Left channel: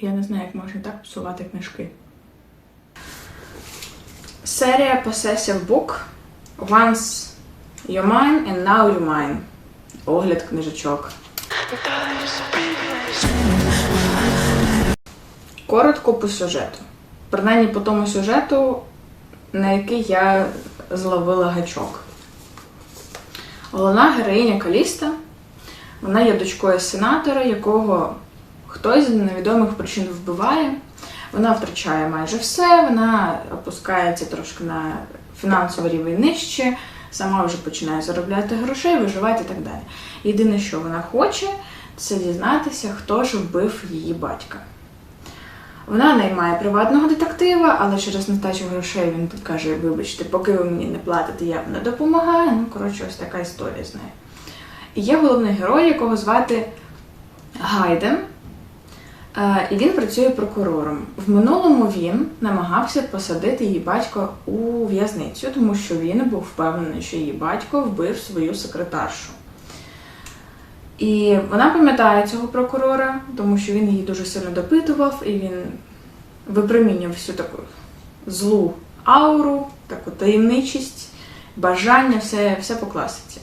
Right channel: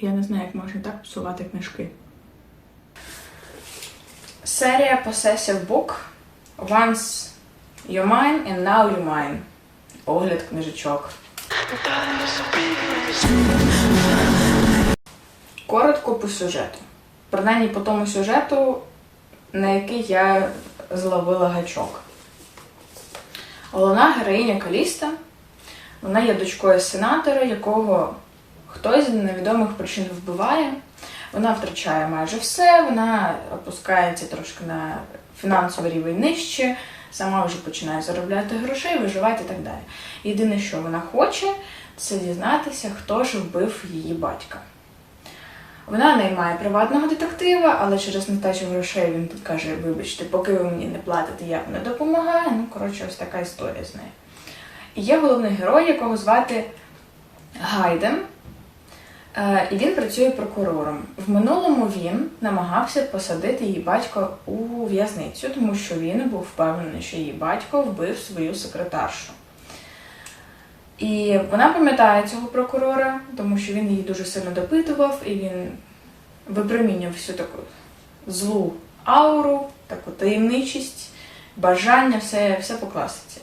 Я не знаю, як можна так псувати книжки. Серія Possessive Book. Once you're mine and now you're mine. Огляд книжечок. Коротко по сюжету. Принаймні по тому сюжету, на який я зловила гачок. Головна героїня Каліста. Вона є дочкою сенатора, якого хтось з невідомих причин вбиває. Вона втрачає майже все, вона опускається трошки на фінансовий рівень нижче, сама вже починає заробляти грошей, виживати і так далі. Єдине, що вона хоче, це дізнатися, хто ж вбив її батька. Вона наймає приватного детектива, але через нестачу грошей він тут каже: вибачте, поки ви мені не платите, я вам не допомагаю. Ну, коротше, ось така історія з нею. І є головний герой, якого звати Гайден, і він працює прокурором. В минулому він намагався посадити її батька у в'язницю, тому що він був впевнений, що її батько вбив свою секретаршу. І вона пам'ятає цього прокурора, тому що він її дуже сильно допитував, і він випромінював всю таку злу ауру, таку таємничість, бажання, все по класиці.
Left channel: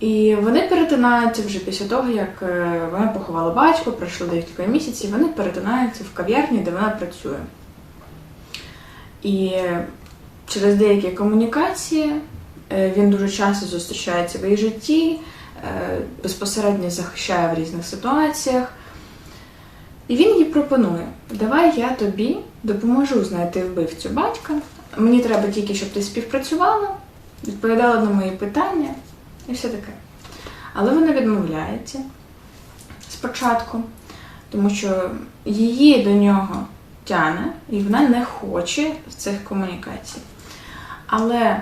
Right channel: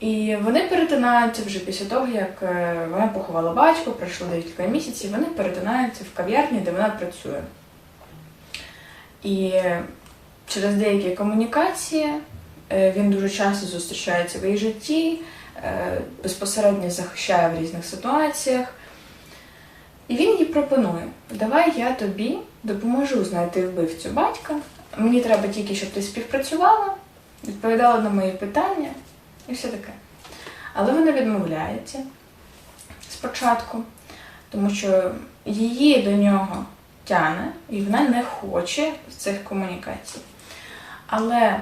І вони перетинаються вже після того, як вона поховала батька, пройшло декілька місяців, вони перетинаються в кав'ярні, де вона працює. І через деякі комунікації він дуже часто зустрічається в її житті, безпосередньо захищає в різних ситуаціях. І він їй пропонує: давай я тобі допоможу знайти вбивцю батька, мені треба тільки, щоб ти співпрацювала, відповідала на мої питання і все таке. Але вона відмовляється спочатку, тому що її до нього тягне, і вона не хоче цих комунікацій. Але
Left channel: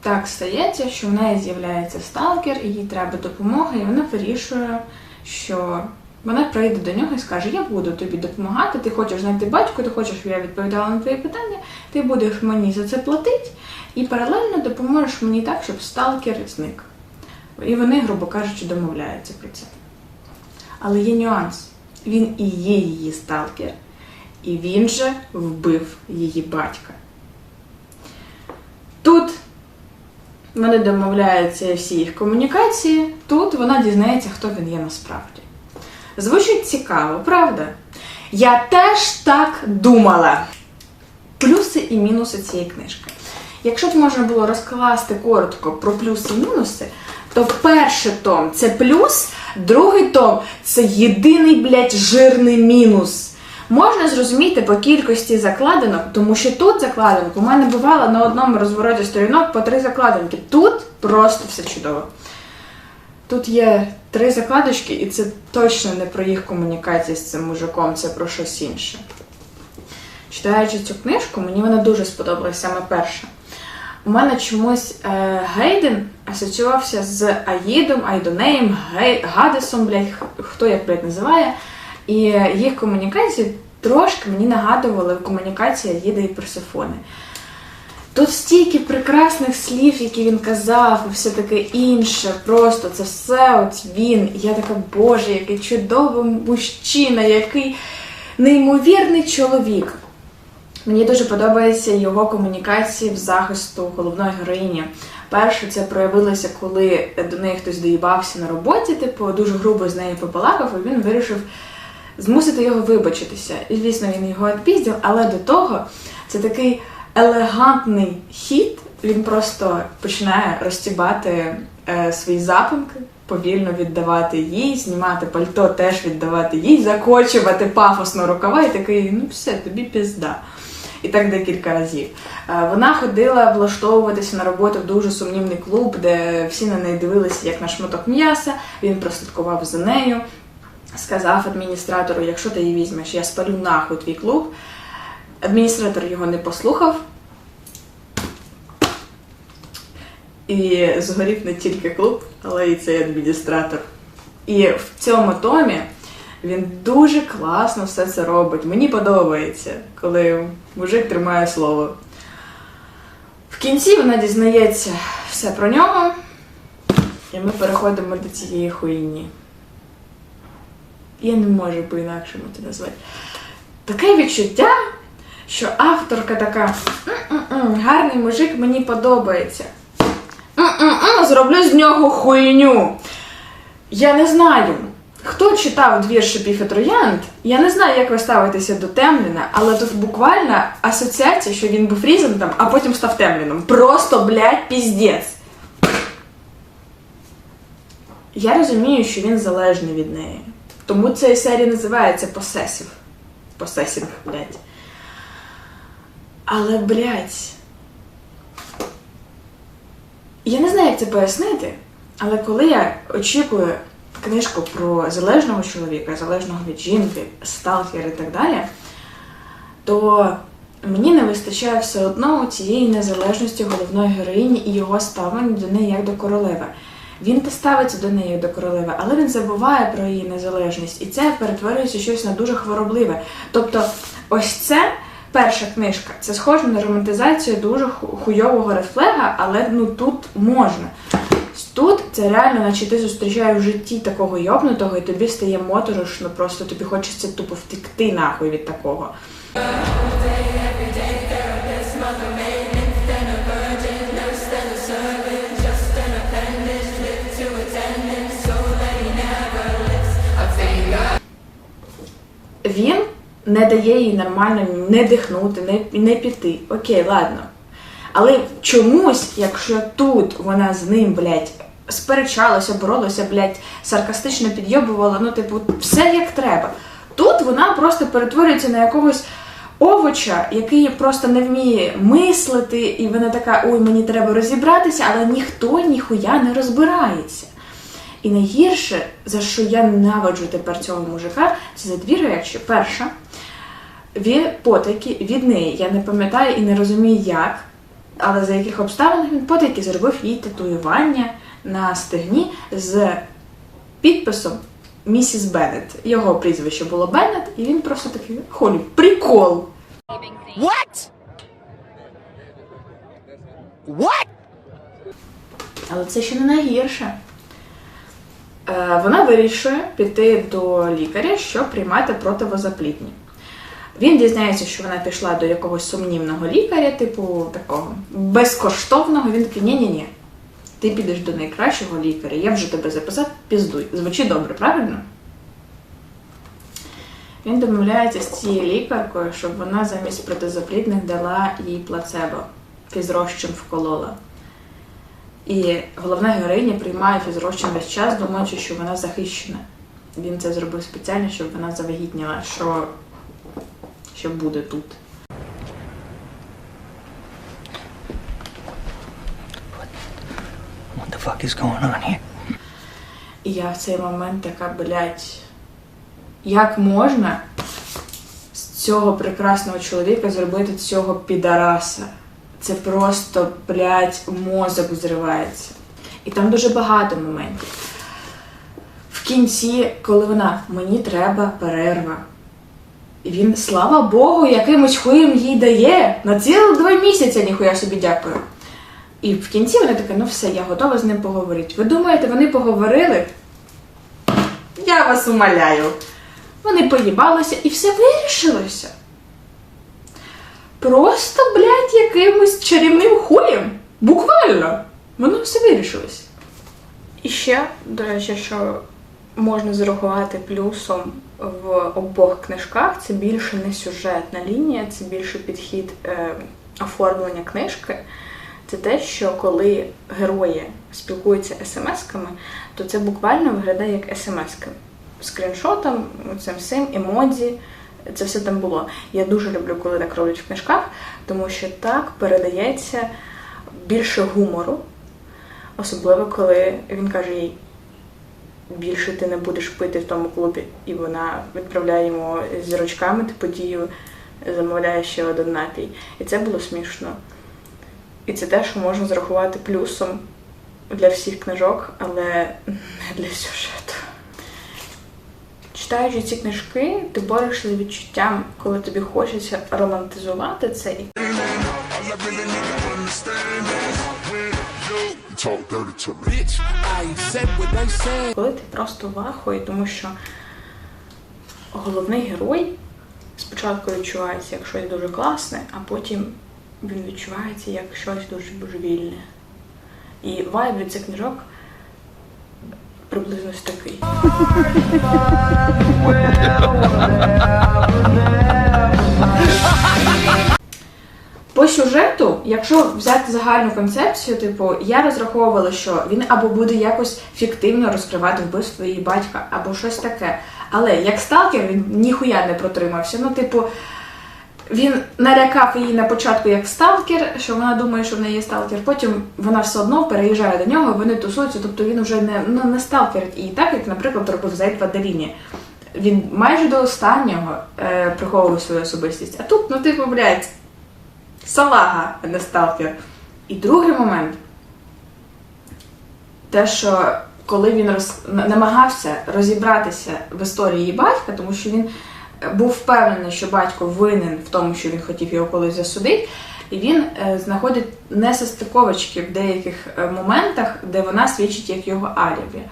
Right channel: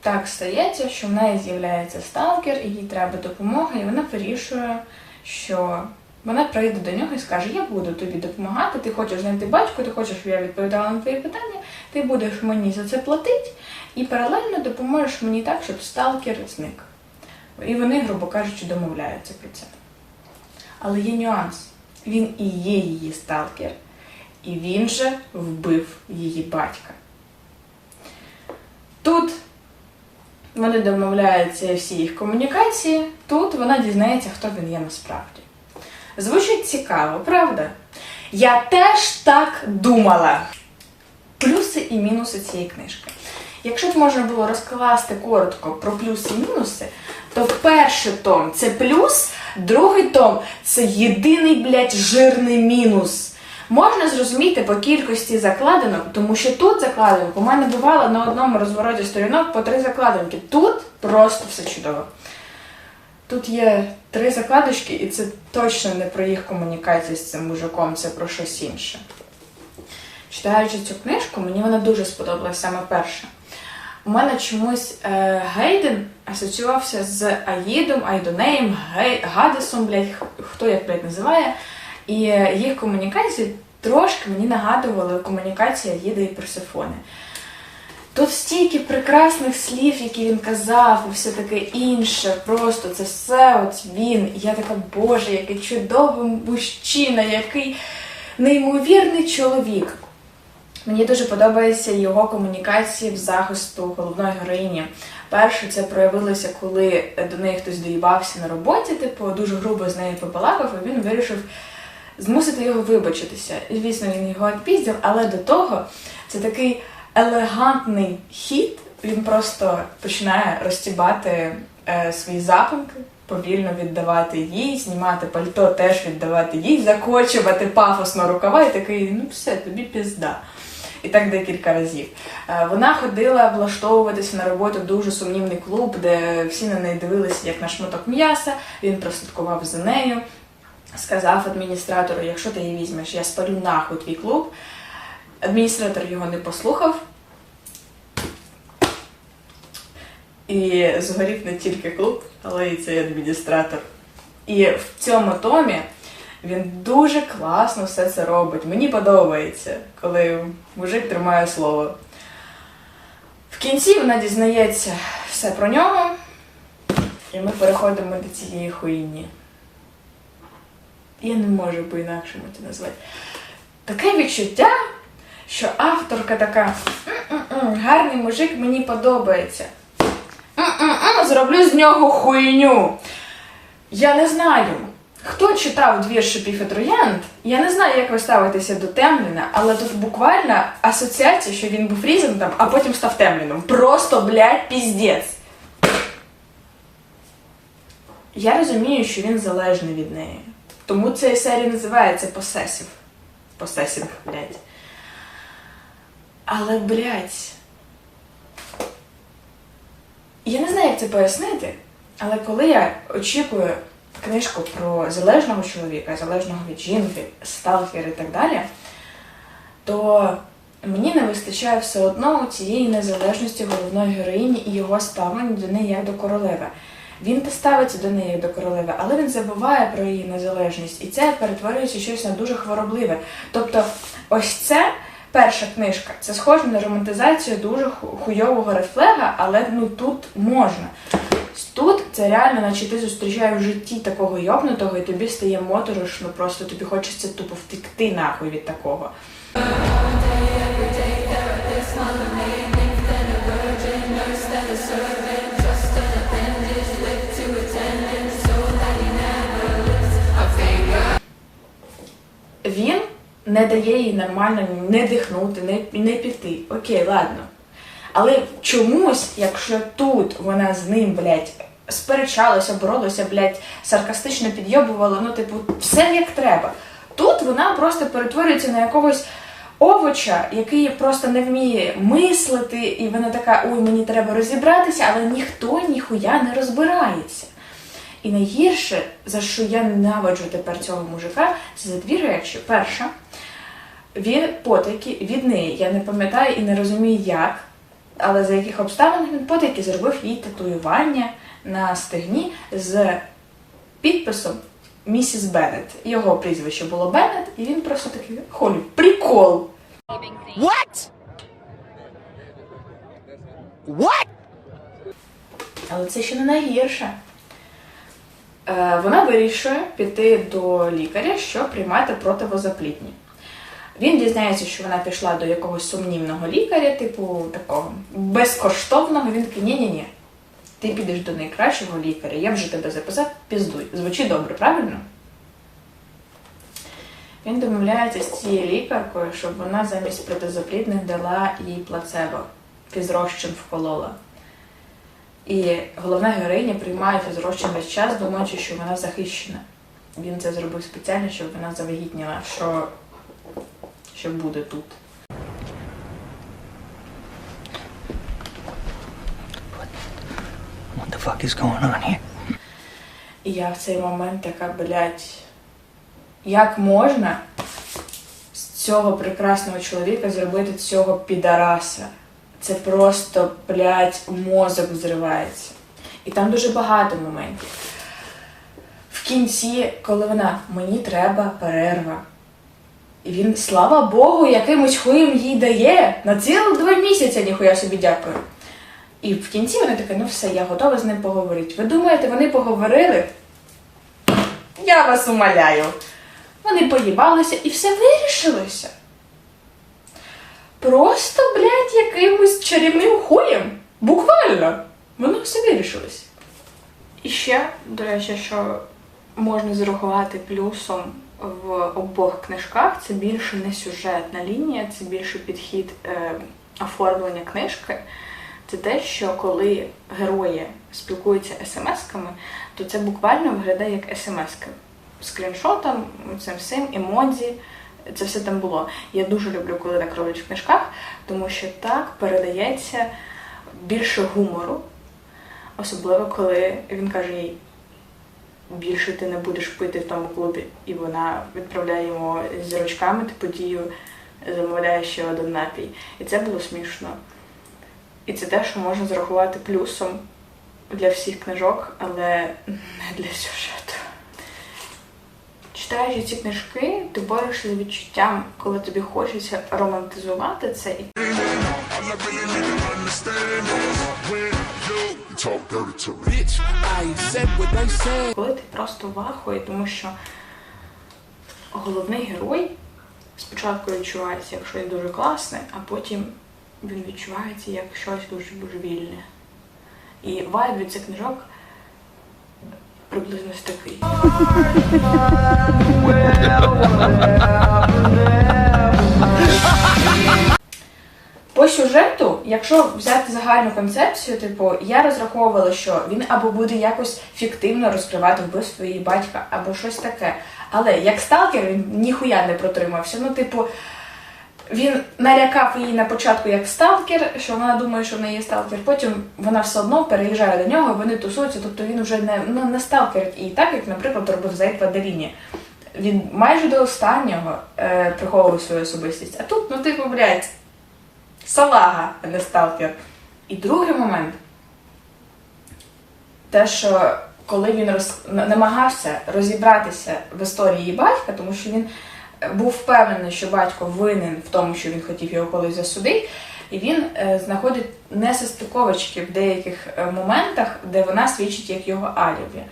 так стається, що в неї з'являється сталкер, і їй треба допомога, і вона вирішує, що вона прийде до нього і скаже: я буду тобі допомагати, ти хочеш знайти батька, ти хочеш, щоб я відповідала на твої питання, ти будеш мені за це платити, і паралельно допоможеш мені так, щоб сталкер зник. І вони, грубо кажучи, домовляються про це. Але є нюанс. Він і є її сталкер, і він же вбив її батька. Тут вони домовляються, всі їх комунікації, тут вона дізнається, хто він є насправді. Звучить цікаво, правда? Я теж так думала. Плюси і мінуси цієї книжки. Якщо б можна було розкласти коротко про плюси і мінуси, то перший том – це плюс, другий том – це єдиний, жирний мінус. Можна зрозуміти по кількості закладинок, тому що тут закладинок у мене бувало на одному розвороті сторінок по 3 закладинки. Тут просто все чудово. Тут є 3 закладочки, і це точно не про їх комунікацію з цим мужиком, це про щось інше. Читаючи цю книжку, мені вона дуже сподобалась, саме перша. У мене чомусь Гайден асоціювався з Аїдом, Айдонеєм, Гадесом, хто як, називає. І їх комунікації трошки мені нагадували комунікації Аїда і Персефони. Тут стільки прекрасних слів, які він казав, і все таке інше. Просто це все от він. І я така: боже, який чудовий мужчина, який неймовірний чоловік. Мені дуже подобається його комунікації в захисту головної героїні. Перше, це проявилося, коли до неї хтось доїбався на роботі, дуже грубо з нею побалакав, і він вирішив змусити його вибачитися. І, звісно, він його відпіздив, але до того це такий елегантний хід. Він просто починає розтібати свої запинки, повільно віддавати їй, знімати пальто, теж віддавати їй, закочувати пафосно рукава і такий: ну все, тобі пізда. І так декілька разів. Вона ходила влаштовуватися на роботу в дуже сумнівний клуб, де всі на неї дивилися як на шматок м'яса. Він прослідкував за нею, сказав адміністратору: якщо ти її візьмеш, я спалю нахуй твій клуб. Адміністратор його не послухав. І згорів не тільки клуб, але й цей адміністратор. І в цьому томі він дуже класно все це робить. Мені подобається, коли мужик тримає слово. В кінці вона дізнається все про нього, і ми переходимо до цієї хуйні. Я не можу по-інакшому це назвати. Таке відчуття, що авторка така: гарний мужик, мені подобається. Зроблю з нього хуйню. Я не знаю, хто читав двір «Шипів і троянд», я не знаю, як ви ставитеся до Темліна, але тут буквально асоціація, що він був Різентом, а потім став Темліном. Просто, блядь, піздець. Я розумію, що він залежний від неї. Тому ця серія називається «Посесів». Посесінг, блядь. Але, блядь, я не знаю, як це пояснити, але коли я очікую книжку про залежного чоловіка, залежного від жінки, сталкер і так далі, то мені не вистачає все одно цієї незалежності головної героїні і його ставлення до неї як до королеви. Він ставиться до неї як до королеви, але він забуває про її незалежність, і це перетворюється щось на дуже хворобливе. Тобто, ось це перша книжка, це схоже на романтизацію дуже хуйового редфлега, але тут можна. Тут це реально, наче ти зустрічаєш в житті такого йобнутого, і тобі стає моторошно, просто тобі хочеться тупо втекти нахуй від такого. Він не дає їй нормально не дихнути, не піти. Окей, ладно. Але чомусь, якщо тут вона з ним, блядь, сперечалася, боролася, блядь, саркастично підйобувала, все як треба. Тут вона просто перетворюється на якогось овоча, який просто не вміє мислити, і вона така: ой, мені треба розібратися, але ніхто ніхуя не розбирається. І найгірше, за що я ненавиджу тепер цього мужика, це за дві речі. Перша, потайки від неї. Я не пам'ятаю і не розумію як, але за яких обставин він потайки зробив їй татуювання на стегні з підписом «Місіс Беннет». Його прізвище було Беннет, і він просто такий: холі, прикол! What? What? Але це ще не найгірше. Вона вирішує піти до лікаря, щоб приймати противозаплідні. Він дізнається, що вона пішла до якогось сумнівного лікаря, типу такого безкоштовного. Він такий: ні-ні-ні, ти підеш до найкращого лікаря, я вже тебе записав, піздуй. Звучить добре, правильно? Він домовляється з цією лікаркою, щоб вона замість протизаплідних дала їй плацебо, фізрозчин вколола. І головна героїня приймає фізрозчин весь час, думаючи, що вона захищена. Він це зробив спеціально, щоб вона завагітніла, що буде тут. What the fuck is going on here? І я в цей момент така: блядь, як можна з цього прекрасного чоловіка зробити цього підараса? Це просто, блядь, мозок зривається. І там дуже багато моментів. В кінці, коли вона: мені треба перерва. І він, слава Богу, якимось хуєм їй дає. На цілих 2 місяці, ніхуя собі, дякую. І в кінці вона така: ну все, я готова з ним поговорити. Ви думаєте, вони поговорили? Я вас умоляю. Вони поїбалися і все вирішилося. Просто, блядь, якимось чарівним хуєм. Буквально. Воно все вирішилось. І ще, до речі, що можна зарахувати плюсом в обох книжках, це більше не сюжетна лінія, це більше підхід оформлення книжки. Це те, що коли герої спілкуються смс-ками, то це буквально виглядає як смс-ки. Скріншотом, цим всім, емодзі, це все там було. Я дуже люблю, коли так роблять в книжках, тому що так передається більше гумору. Особливо, коли він каже їй: більше ти не будеш пити в тому клубі. І вона відправляє йому зірочками подію, замовляє ще один напій. І це було смішно. І це те, що можна зарахувати плюсом для всіх книжок, але не для сюжету. Читаючи ці книжки, ти борешся з відчуттям, коли тобі хочеться романтизувати це. І коли ти просто в ахуї, тому що головний герой спочатку відчувається як щось дуже класне, а потім він відчувається як щось дуже божевільне. І вайб від цих книжок приблизно ось такий. По сюжету, якщо взяти загальну концепцію, типу, я розраховувала, що він або буде якось фіктивно розкривати вбивство її батька, або щось таке. Але як сталкер він ніхуя не протримався. Ну, типу, він налякав її на початку як сталкер, що вона думає, що в неї є сталкер. Потім вона все одно переїжджає до нього, вони тусуються, тобто він вже не сталкерить її так, як, наприклад, робив Зейд в Аделіні. Він майже до останнього приховував свою особистість. А тут, ну, типу, блядь, салага, а не сталкер. І другий момент, те, що коли він намагався розібратися в історії її батька, тому що він був впевнений, що батько винен в тому, що він хотів його колись засудити, і він знаходить несостиковочки в деяких моментах, де вона свідчить як його алібі.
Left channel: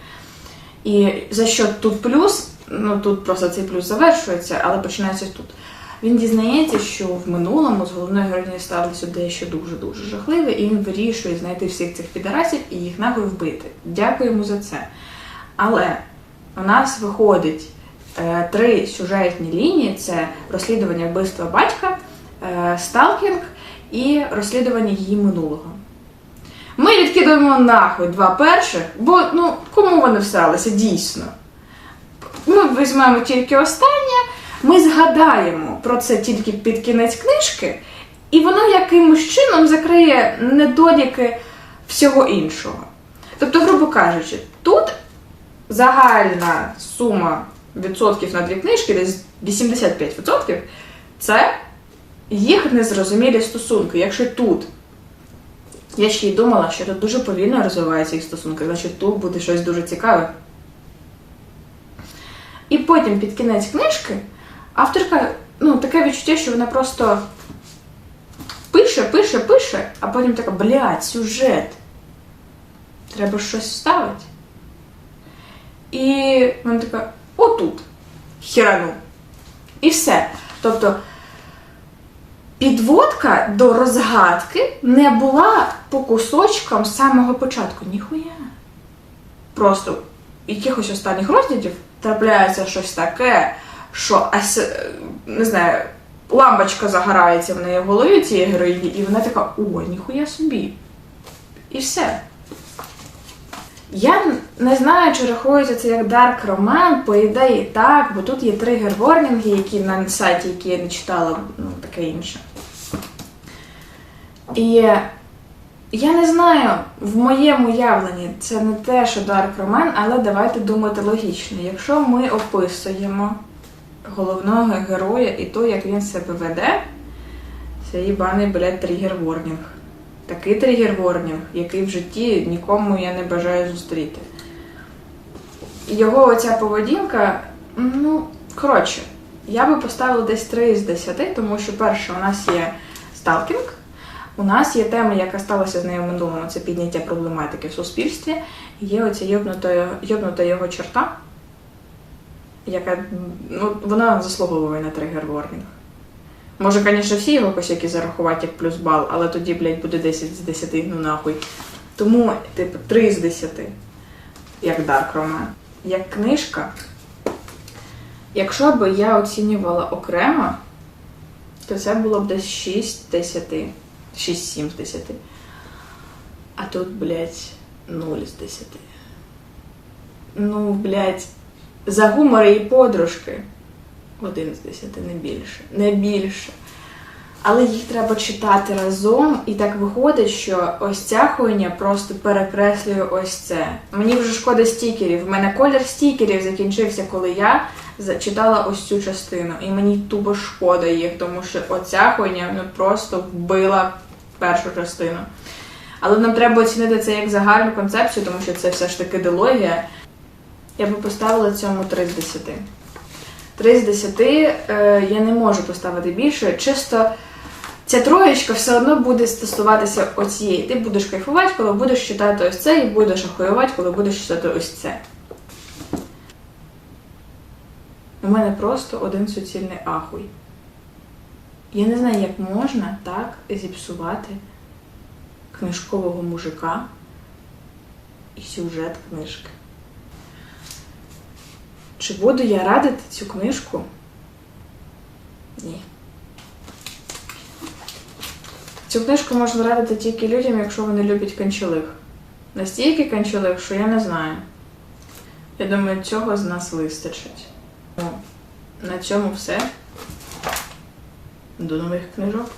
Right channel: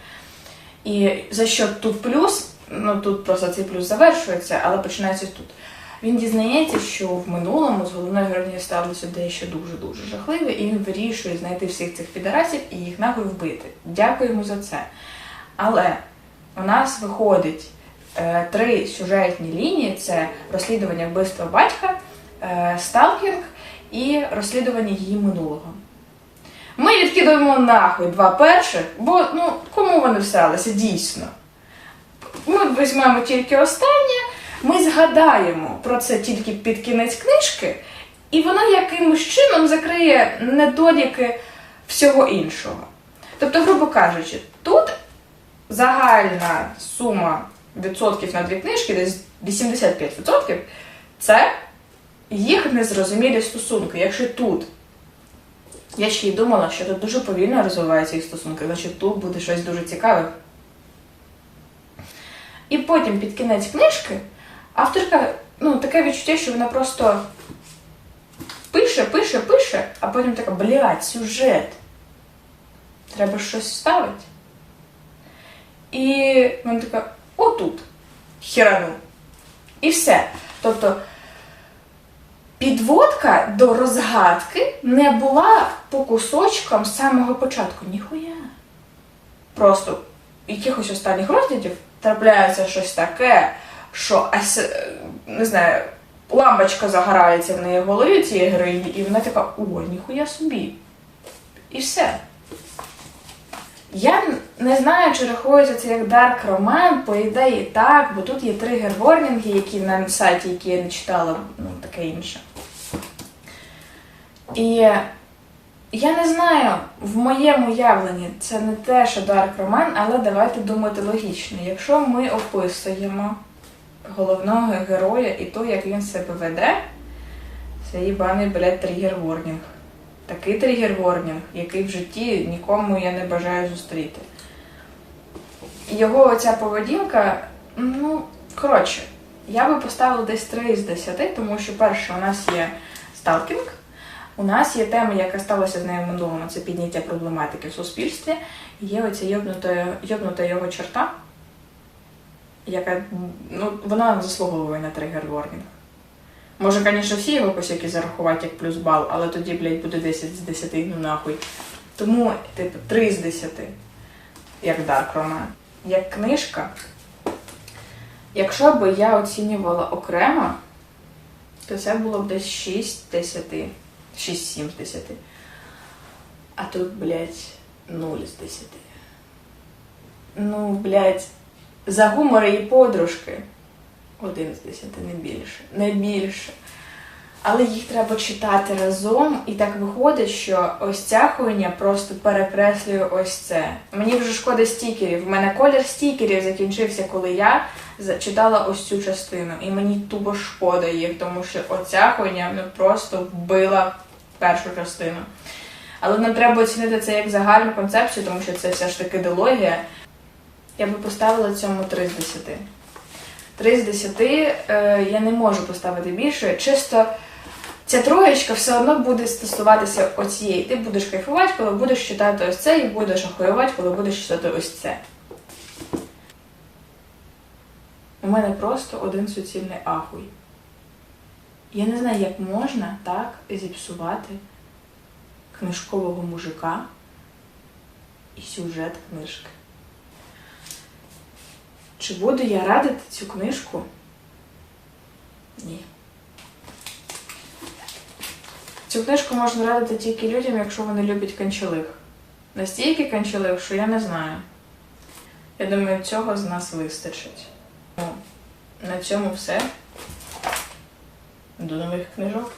І за що тут плюс, ну тут просто цей плюс завершується, але починається тут. Він дізнається, що в минулому з головною героїнею сталося дещо дуже-дуже жахливе, і він вирішує знайти всіх цих підарасів і їх нахуй вбити. Дякую йому за це. Але у нас виходить 3 сюжетні лінії. Це розслідування вбивства батька, сталкінг і розслідування її минулого. Ми відкидуємо нахуй 2 перших, бо, ну, кому вони всралися, дійсно. Ми візьмемо тільки останнє, ми згадаємо про це тільки під кінець книжки, і воно якимось чином закриє недоліки всього іншого. Тобто, грубо кажучи, тут загальна сума відсотків на 2 книжки, десь 85%, це їх незрозумілі стосунки. Якщо тут, я ще й думала, що тут дуже повільно розвиваються їх стосунки, значить тут буде щось дуже цікаве. І потім під кінець книжки авторка, ну, таке відчуття, що вона просто пише, а потім така, блядь, сюжет. Треба щось вставити. І вона така, отут, хірану. І все. Тобто, підводка до розгадки не була по кусочкам з самого початку. Ніхуя. Просто в якихось останніх розділів трапляється щось таке, що, не знаю, лампочка загорається в неї в голові цієї героїні, і вона така, ой, ніхуя собі. І все. Я не знаю, чи рахується це як дарк роман, по ідеї так, бо тут є тригер-ворнінги, які на сайті, які я не читала, ну, таке інше. І я не знаю, в моєму уявленні це не те, що дарк роман, але давайте думати логічно. Якщо ми описуємо головного героя і то, як він себе веде, це їбаний, блядь, тригер-ворнінг. Такий тригер-ворнінг, який в житті нікому я не бажаю зустріти. Його оця поведінка, ну, коротше, я би поставила десь 3 з 10, тому що, перше, у нас є сталкінг, у нас є тема, яка сталася з нею в минулому, це підняття проблематики в суспільстві, і є оця йобнута його черта, яка, ну, вона заслуговує на тригер-ворнінг. Може, звісно, всі його косяки зарахувати як плюс бал, але тоді, блядь, буде 10 з 10, ну нахуй. Тому, типу, 3 з 10, як дарк роман. Як книжка, якщо б я оцінювала окремо, то це було б десь 6 з 10. 6-7 з 10. А тут, блядь, 0 з 10. Ну, блядь, за гумор і подружки 1 з 10, не більше. Не більше. Але їх треба читати разом, і так виходить, що ось ця хуйня просто перекреслює ось це. Мені вже шкода стікерів. В мене колір стікерів закінчився, коли я читала ось цю частину. І мені тупо шкода їх, тому що оця хуйня, ну, просто вбила першу частину. Але нам треба оцінити це як загальну концепцію, тому що це все ж таки дилогія. Я би поставила цьому 3 з 10. 3 з 10 я не можу поставити більше. Чисто ця троєчка все одно буде стосуватися оцієї. Ти будеш кайфувати, коли будеш читати ось це, і будеш ахуювати, коли будеш читати ось це. У мене просто один суцільний ахуй. Я не знаю, як можна так зіпсувати книжкового мужика і сюжет книжки. Чи буду я радити цю книжку? Ні. Цю книжку можна радити тільки людям, якщо вони люблять канчелих. Настільки канчелих, що я не знаю. Я думаю, цього з нас вистачить. Ну, на цьому все. До нових книжок.